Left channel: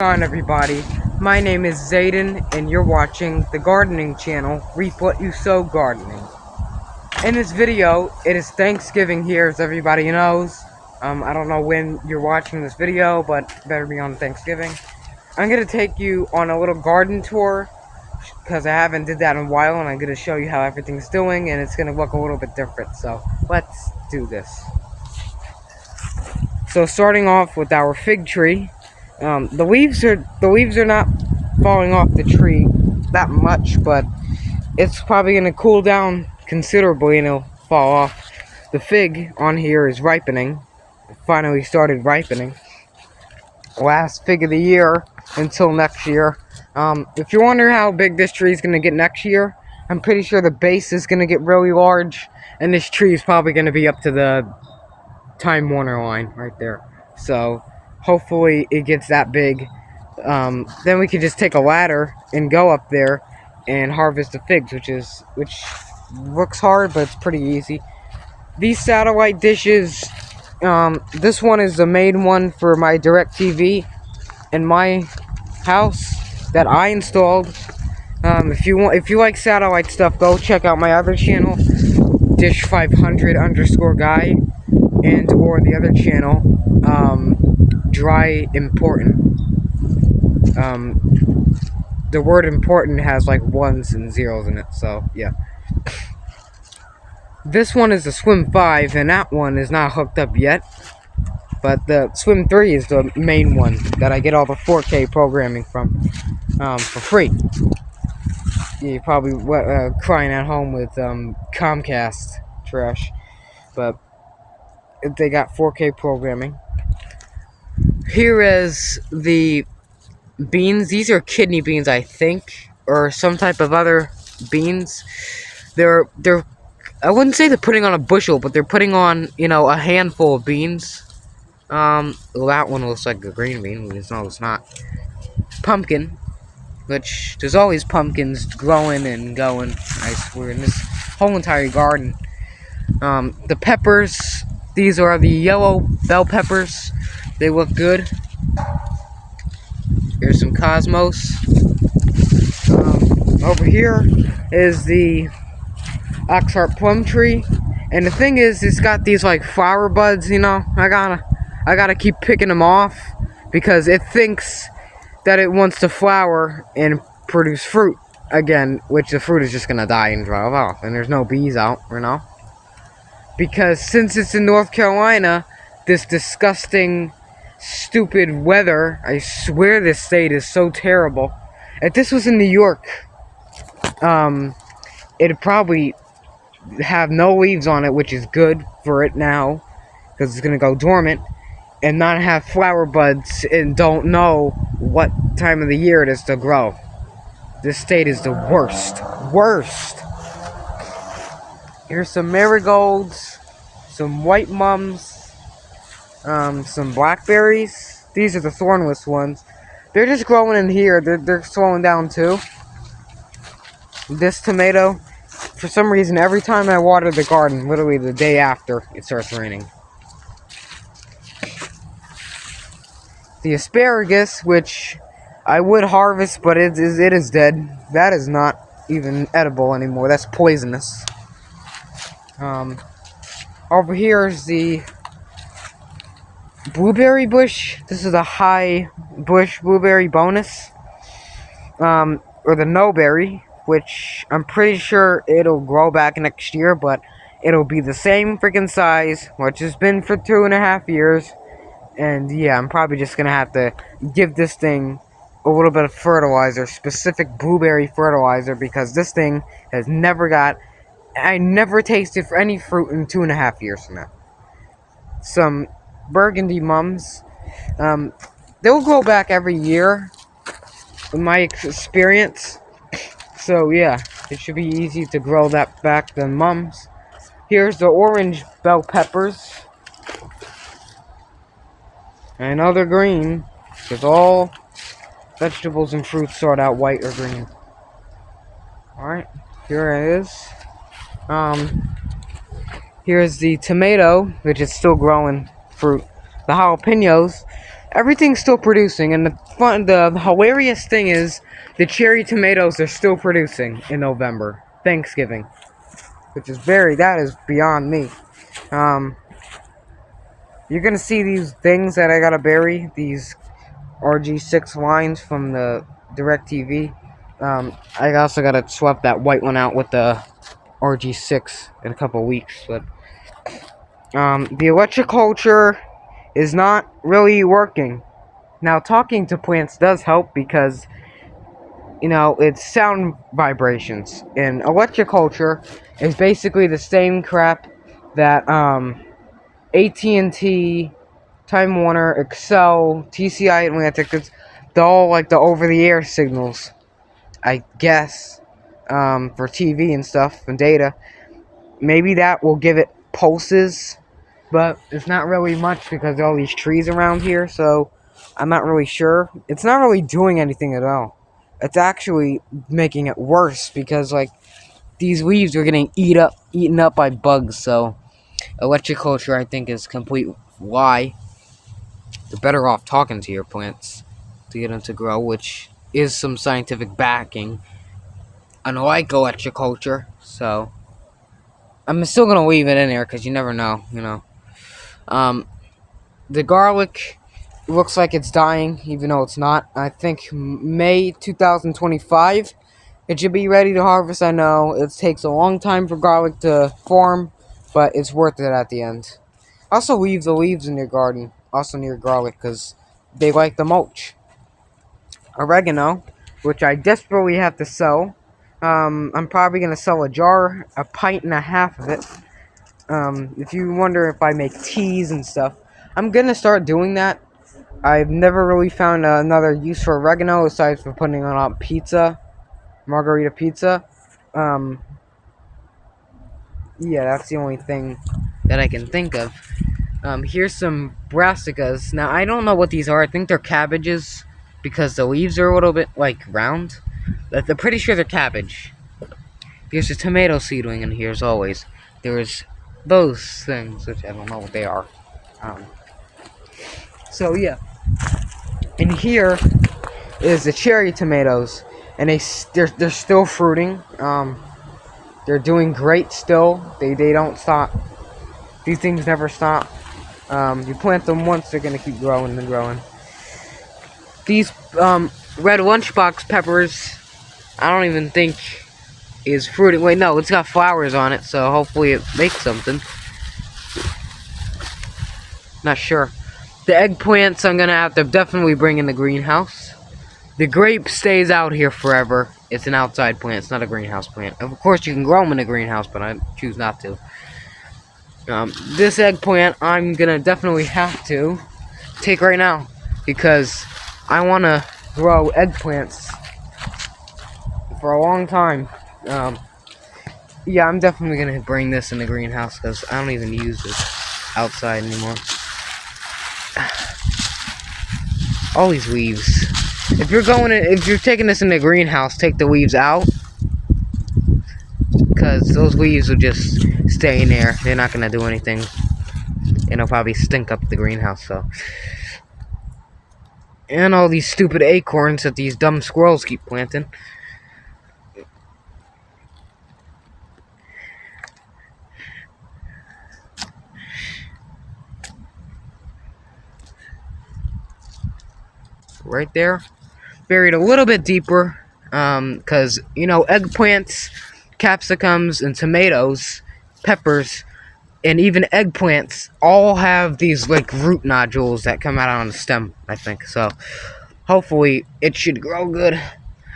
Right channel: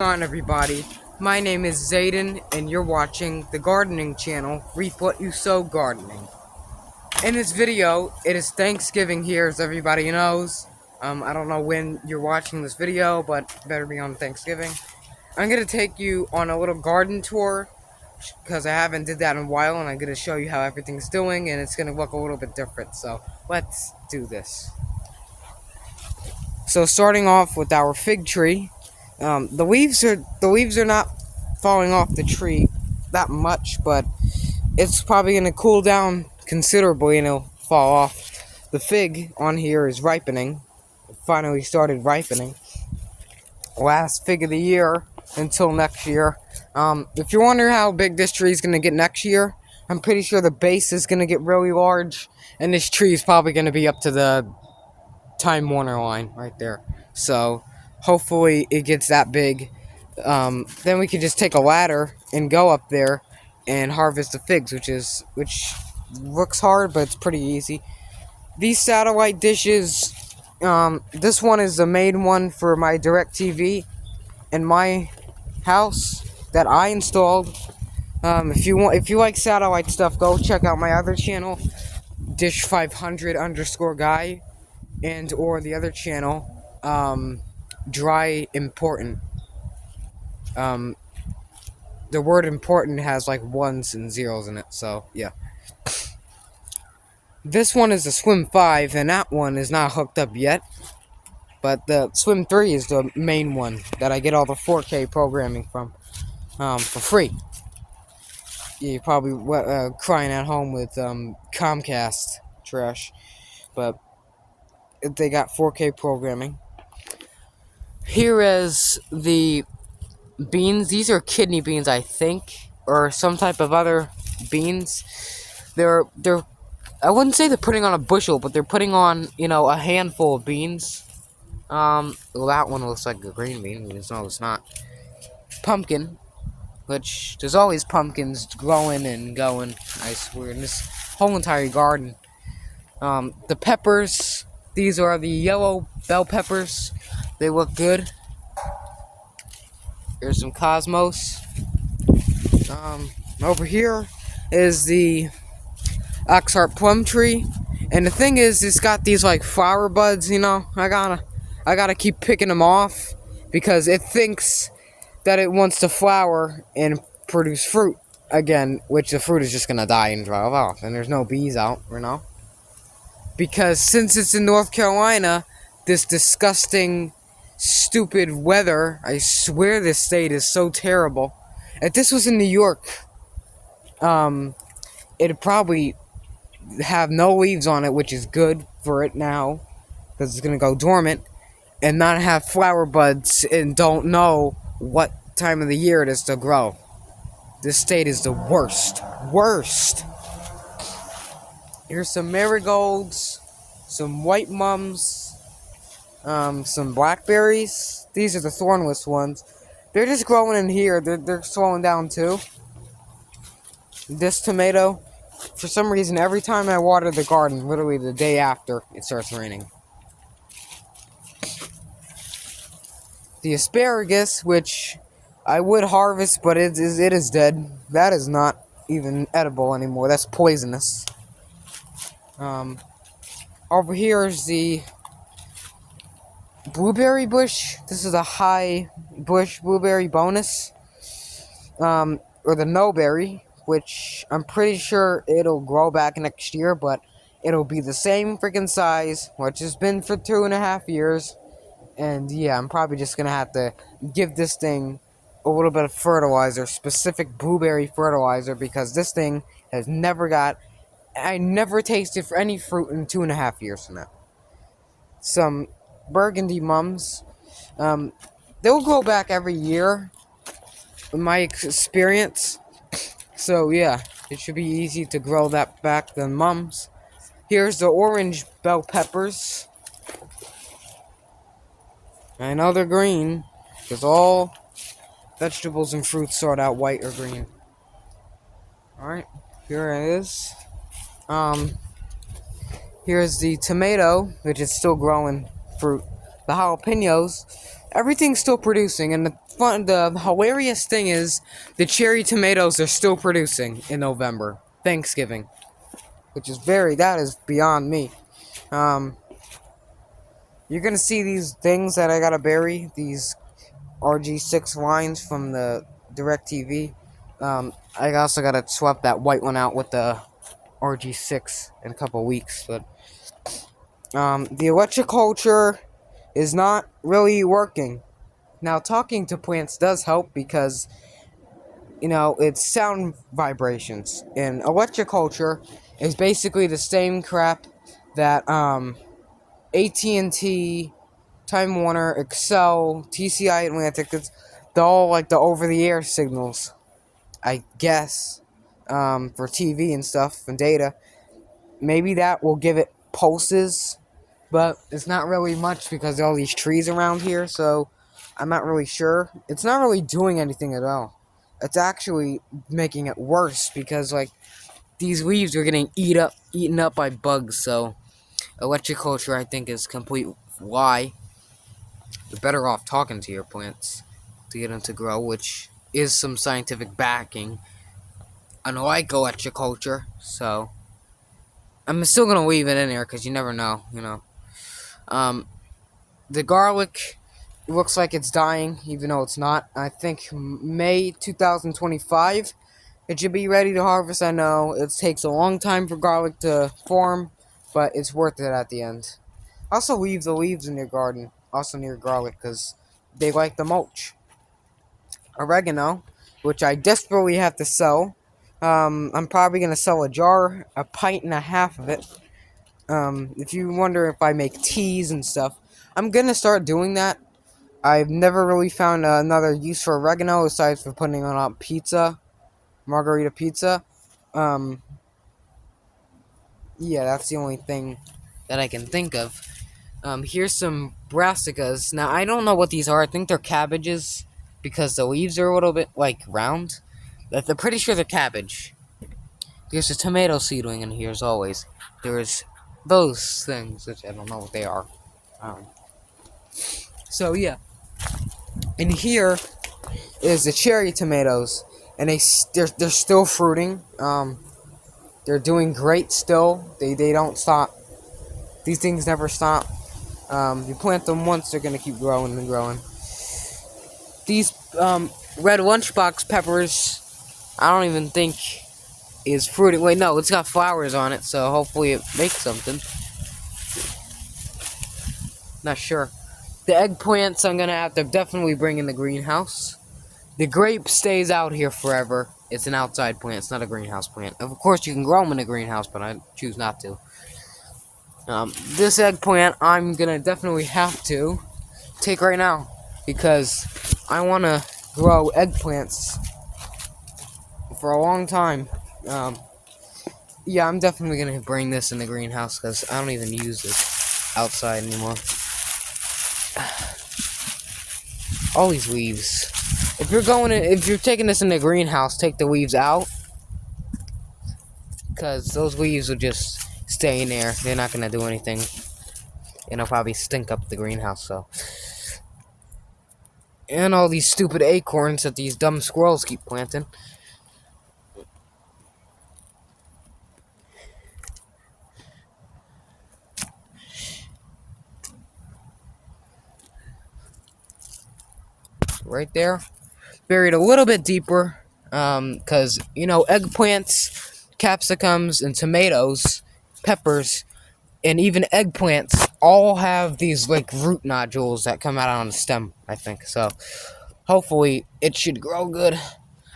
On everybody, my name is Zayden and you're watching the gardening channel Reap What You Sow Gardening. In this video, it is Thanksgiving here, as everybody knows. I don't know when you're watching this video, but it better be on Thanksgiving. I'm gonna take you on a little garden tour because I haven't did that in a while, and I'm gonna show you how everything's doing, and it's gonna look a little bit different. So let's do this. So starting off with our fig tree. The leaves are not falling off the tree that much, but it's probably gonna cool down considerably and it'll fall off. The fig on here is ripening. It finally started ripening. Last fig of the year until next year. If you're wondering how big this tree is gonna get next year, I'm pretty sure the base is gonna get really large, and this tree is probably gonna be up to the Time Warner line right there. So hopefully it gets that big. Then we could just take a ladder and go up there and harvest the figs, which looks hard, but it's pretty easy. These satellite dishes, this one is the main one for my DirecTV in my house that I installed. If you like satellite stuff, go check out my other channel, Dish500_guy, and or the other channel, Dry Important. The word important has like ones and zeros in it, so yeah. This one is the Swim 5, and that one is not hooked up yet. But the Swim 3 is the main one that I get all the 4K programming from, for free. You're probably crying at home with Comcast trash, but they got 4K programming. Here is the beans. These are kidney beans, I think, or some type of other beans. They're I wouldn't say they're putting on a bushel, but they're putting on, a handful of beans. That one looks like a green bean. No, it's not. Pumpkin, which there's always pumpkins growing and going, I swear, in this whole entire garden. The peppers, these are the yellow bell peppers. They look good. Here's some cosmos. Over here is the Oxheart plum tree, and the thing is, it's got these like flower buds. I gotta keep picking them off because it thinks that it wants to flower and produce fruit again, which the fruit is just gonna die and dry off, and there's no bees out, because since it's in North Carolina, this disgusting, stupid weather, I swear this state is so terrible. If this was in New York, it'd probably have no leaves on it, which is good for it now, because it's gonna go dormant, and not have flower buds and don't know what time of the year it is to grow. This state is the worst. Here's some marigolds, some white mums, some blackberries. These are the thornless ones. They're just growing in here. They're slowing down too. This tomato, for some reason, every time I water the garden, literally the day after, it starts raining. The asparagus, which I would harvest, but it is dead. That is not even edible anymore. That's poisonous. Over here is the blueberry bush. This is a high bush blueberry bonus. Or the no-berry, which I'm pretty sure it'll grow back next year, but it'll be the same freaking size, which has been for 2.5 years. And yeah, I'm probably just gonna have to give this thing a little bit of fertilizer, specific blueberry fertilizer, because this thing has I never tasted for any fruit in 2.5 years from now. Some burgundy mums. They'll grow back every year, in my experience. So yeah, it should be easy to grow that back than mums. Here's the orange bell peppers. I know they're green, because all vegetables and fruits start out white or green. Alright, here it is. Here's the tomato, which is still growing fruit. The jalapenos, everything's still producing, and fun. The hilarious thing is the cherry tomatoes are still producing in November, Thanksgiving, which is that is beyond me. You're gonna see these things that I gotta bury, these RG6 lines from the DirecTV. I also gotta swap that white one out with the RG6 in a couple weeks, but the electroculture is not really working. Now, talking to plants does help because, it's sound vibrations. And electroculture is basically the same crap that AT&T, Time Warner, Excel, TCI Atlantic, they're all like the over-the-air signals, I guess, for TV and stuff and data. Maybe that will give it pulses, but it's not really much because of all these trees around here, so I'm not really sure. It's not really doing anything at all. It's actually making it worse because, like, these leaves are getting eaten up by bugs, so electroculture, I think, is complete lie. You're better off talking to your plants to get them to grow, which is some scientific backing, unlike electroculture, so I'm still gonna leave it in there because you never know, The garlic looks like it's dying, even though it's not. I think May 2025 it should be ready to harvest. I know it takes a long time for garlic to form, but it's worth it at the end. Also leave the leaves in your garden, also near garlic, because they like the mulch. Oregano, which I desperately have to sell. I'm probably going to sell a pint and a half of it. If you wonder if I make teas and stuff, I'm going to start doing that. I've never really found another use for oregano aside from putting on pizza, margarita pizza. Yeah, that's the only thing that I can think of. Here's some brassicas. Now, I don't know what these are. I think they're cabbages because the leaves are a little bit, like, round. But I'm pretty sure they're cabbage. There's a tomato seedling in here, as always. There's those things, which I don't know what they are. So, yeah. And here is the cherry tomatoes. And they're still fruiting. They're doing great still. They don't stop. These things never stop. You plant them once, they're gonna keep growing and growing. These red lunchbox peppers, I don't even think is fruiting. Wait, no, it's got flowers on it, so hopefully it makes something. Not sure. The eggplants I'm gonna have to definitely bring in the greenhouse. The grape stays out here forever. It's an outside plant, it's not a greenhouse plant. Of course, you can grow them in a greenhouse, but I choose not to. This eggplant, I'm gonna definitely have to take right now because I want to grow eggplants for a long time. Yeah, I'm definitely gonna bring this in the greenhouse because I don't even use this outside anymore. All these leaves. If you're taking this in the greenhouse, take the leaves out because those leaves will just stay in there. They're not gonna do anything. It'll probably stink up the greenhouse, so. And all these stupid acorns that these dumb squirrels keep planting. Right there. Buried a little bit deeper. Because, eggplants, capsicums, and tomatoes, peppers, and even eggplants all have these, like, root nodules that come out on the stem, I think. So, hopefully, it should grow good.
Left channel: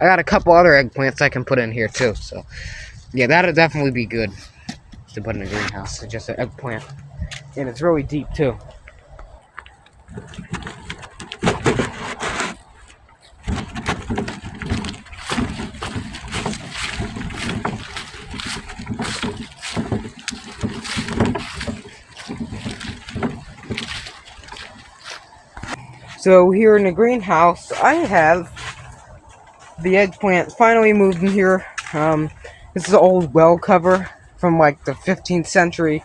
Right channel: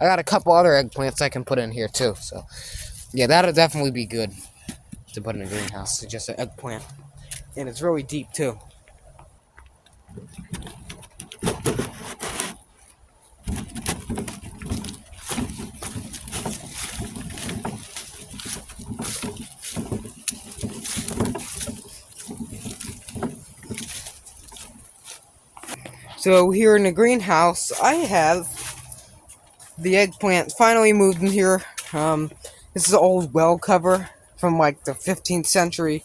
I got a couple other eggplants I can put in here, too. So, yeah, that'll definitely be good to put in a greenhouse. It's just an eggplant. And it's really deep, too. So here in the greenhouse, I have the eggplants finally moved in here. This is an old well cover from like the 15th century.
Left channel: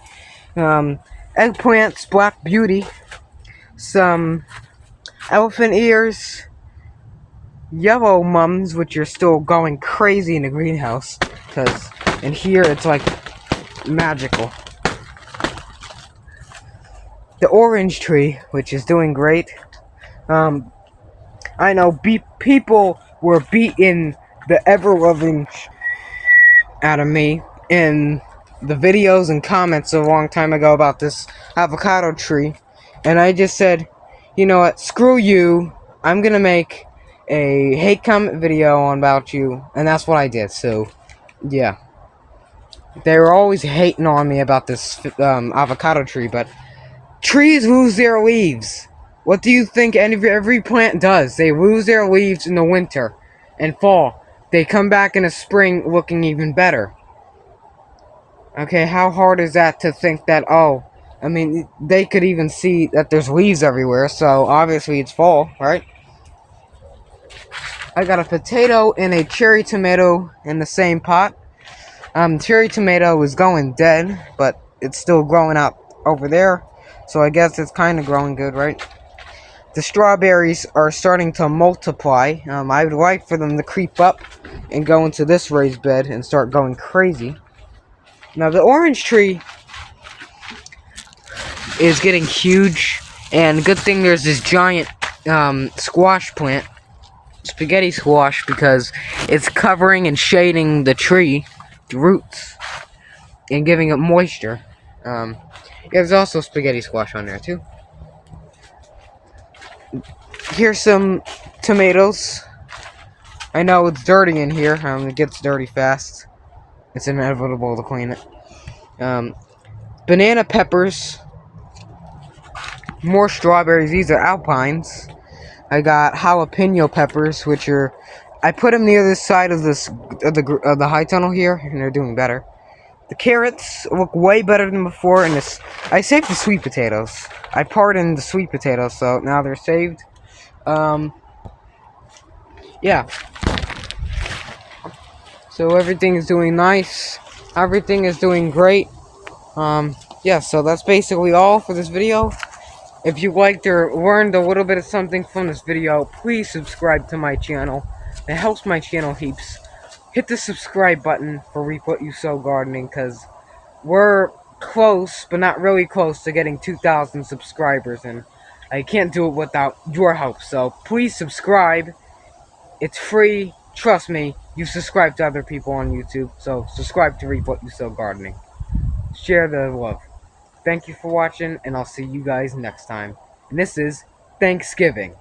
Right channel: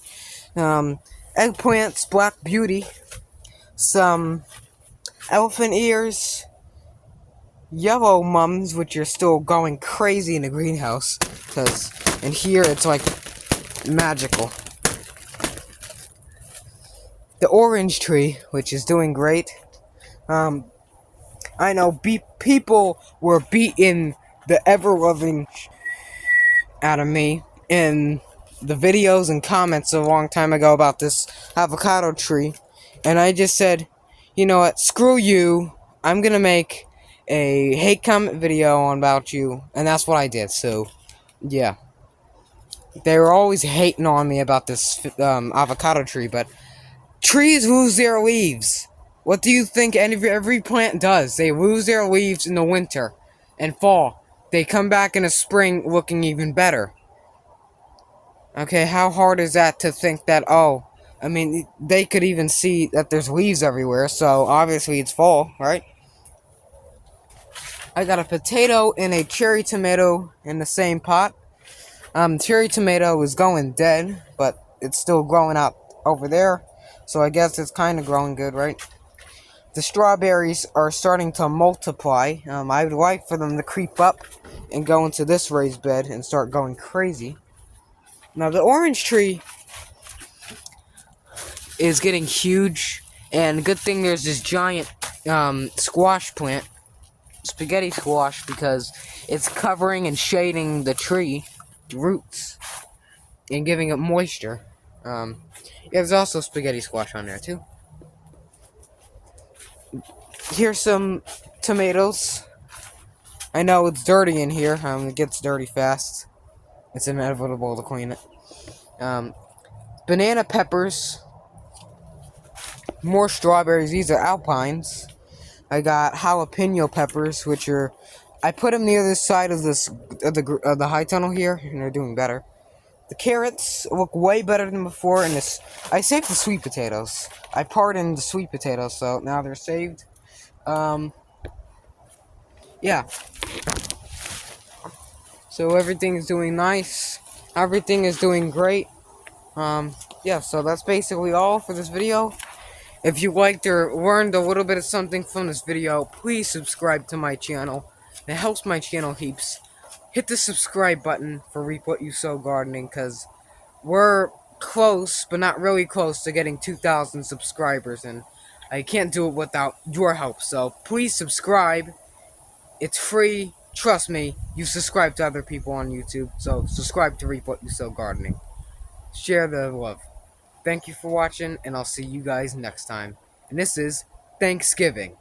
Eggplants, Black Beauty, some elephant ears, yellow mums, which are still going crazy in the greenhouse, because in here it's like magical. The orange tree, which is doing great. I know people were beating the ever-loving out of me in the videos and comments a long time ago about this avocado tree, and I just said, you know what, screw you, I'm gonna make a hate comment video on about you, and that's what I did. So yeah, they were always hating on me about this avocado tree, but trees lose their leaves. What do you think every plant does? They lose their leaves in the winter and fall. They come back in the spring looking even better. Okay, how hard is that to think that, oh, I mean, they could even see that there's leaves everywhere, so obviously it's fall, right? I got a potato and a cherry tomato in the same pot. Cherry tomato is going dead, but it's still growing out over there, so I guess it's kind of growing good, right? The strawberries are starting to multiply. I would like for them to creep up and go into this raised bed and start going crazy. Now, the orange tree is getting huge, and good thing there's this giant squash plant, spaghetti squash, because it's covering and shading the tree, the roots, and giving it moisture. There's also spaghetti squash on there too. Here's some tomatoes. I know it's dirty in here. It gets dirty fast. It's inevitable to clean it. Banana peppers. More strawberries. These are alpines. I got jalapeno peppers, which are, I put them near the side of the high tunnel here, and they're doing better. The carrots look way better than before, and I saved the sweet potatoes. I pardoned the sweet potatoes, so now they're saved. Yeah. So everything is doing nice. Everything is doing great. Yeah, so that's basically all for this video. If you liked or learned a little bit of something from this video, please subscribe to my channel. It helps my channel heaps. Hit the subscribe button for Reap What You Sow Gardening, because we're close, but not really close, to getting 2,000 subscribers, and I can't do it without your help. So please subscribe. It's free. Trust me, you subscribe to other people on YouTube, so subscribe to Reap What You Sow Gardening. Share the love. Thank you for watching, and I'll see you guys next time. And this is Thanksgiving.